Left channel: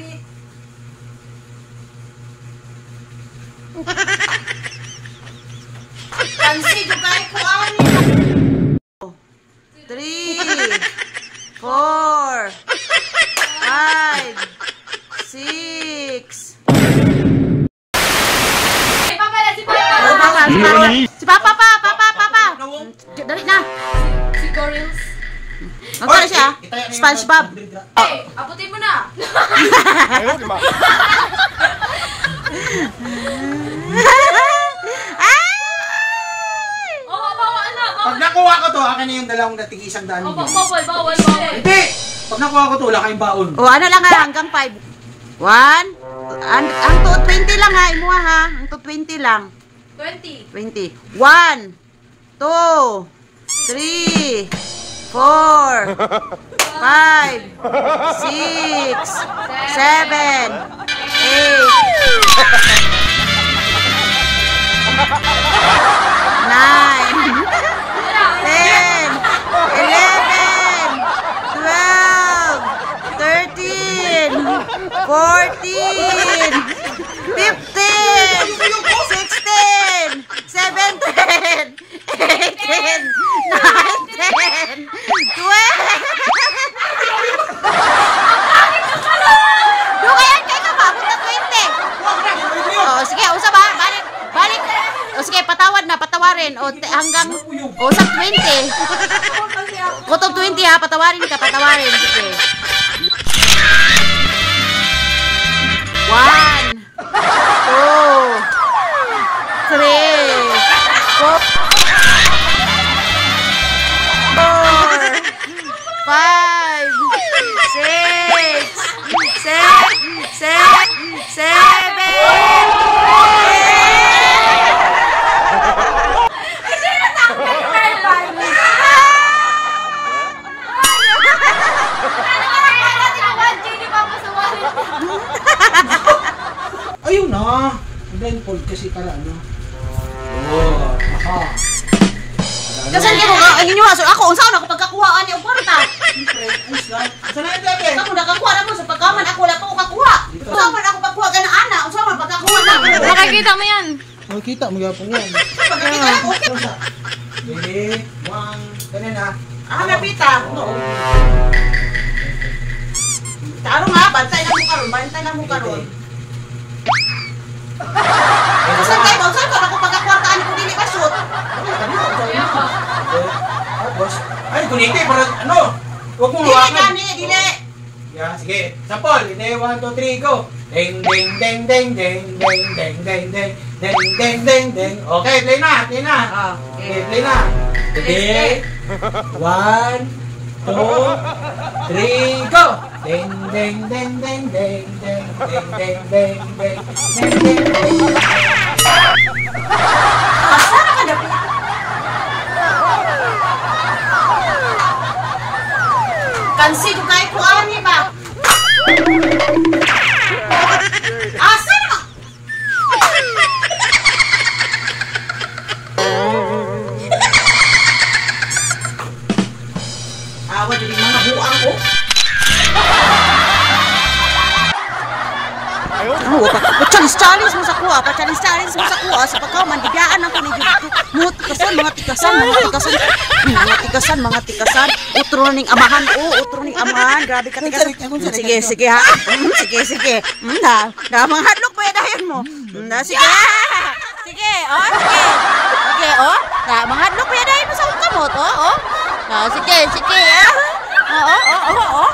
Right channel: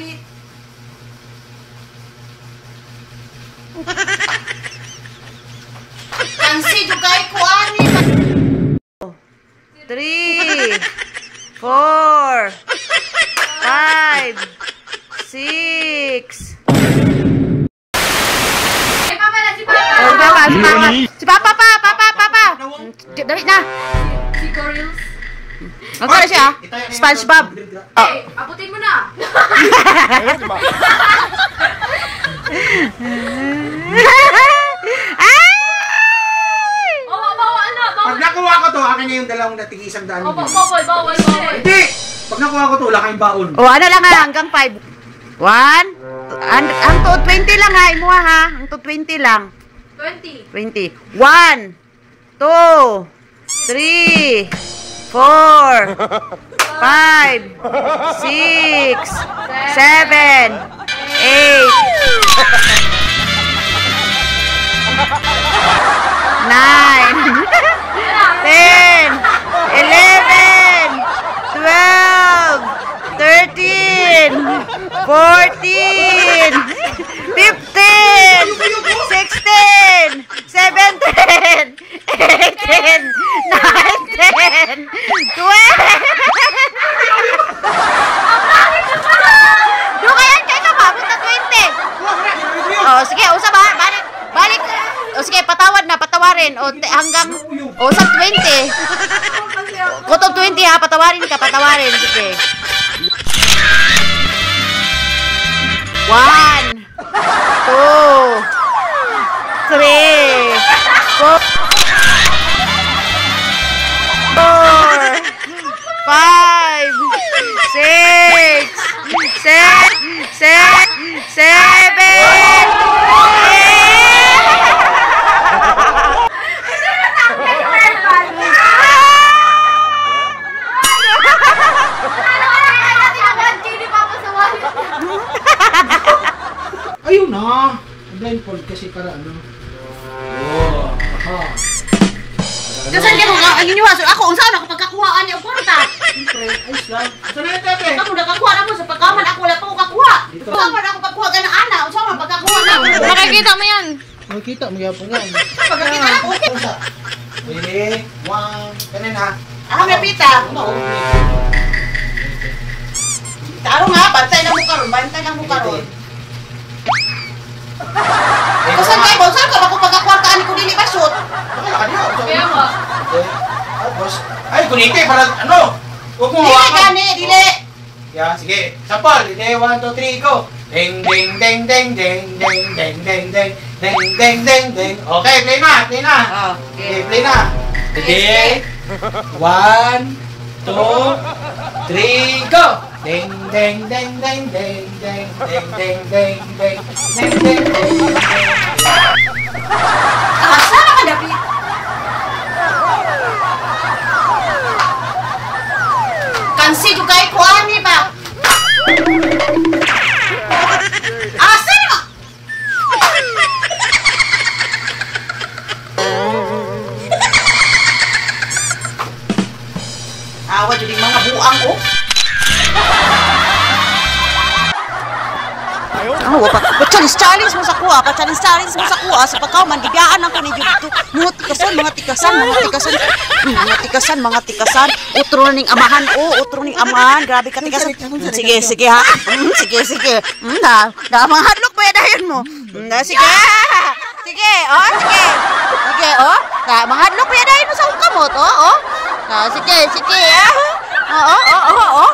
David. Kansi juga ko ani. 3, 4, 5, 6. Si Papa pa, Papa. Dali na. Si Gorils. Magkano siya? SpongeBob. Hey, abutin mo na. Pag nakuha ko to, akin na yung dalawang dating isang daan. Bawal. Hindi! Pag nakuha ko to, wala kayong baon. O, ano lang ha, hanggang 5. 1, ang to 20 lang ha, imuha ha. Ang to 20 lang. 20. 20. 1, 2, 3, 4, 5, 6, 7, 8, 9, 10, 11, 12, 13, 14, 15, 16, 17, 18, 19, 20. Doon kaya kayo ka mabot na 20. O, sige, usap ha. Balik. O, sige, patawarin. O, hanggang, sa 20. Kutog 20 ha, patawarin. Sige. 1, 2, 3, 4, 5, 6, 7, 8. Ayun na! Blindfold kasi para ano. Oh, aha. Kasi hindi mo ka, inyo ako, saan ako pagkakuhaan niya, kwarta. Siyempre, ayos lang. Saan na ito, eh? Ako nakakuha na mo sa pagkaman, ako wala pa ko kakuha. Saan pa ako pagkuha ka ng ana, saan pa pagkakuha na ako. Makikita mo yan. Makikita mo yapon yan. Pagkakita ako. Ready? 1, ganun ha. Ako na pita. Taro nga, bantay lang mo karon. Saan kayo ba? Saan ka? Ako pagkakwartaan ko dili ba shoot? Kaya ka. Tapos, ay, kuniti para ano? Huwag mo hawakan. Dili. Yeah, sige. Sampol. Hindi, 1, 2, 3, go. Ding, ding, ding, ding, ding, ding, ding, ding, ding, ding, ding, ding, ding. Okay, play na. Okay, play na. Sige. 1, 2, 3, go. Ding, ding, ding, ding, ding, ding, ding, ding, ding, ding, ding, ding, ding. Saan ka dapit? Kansi juga ko ani ba? Asan ka? Awa jadi mga buang ko. Oh, pa-challenge mo sa kuha, pa-challenge mo sa kuha sa pagkaw mandigaan ako ni Jud. Mga tikasan. Utro ning amahan, grabe ka tikasan. Sige ha. Sige. Da mga hadlok pa dayon mo. Sige. Sige, oh. Da mga hadlok pa dayon mo sa kamot, oh. Sige. Oo.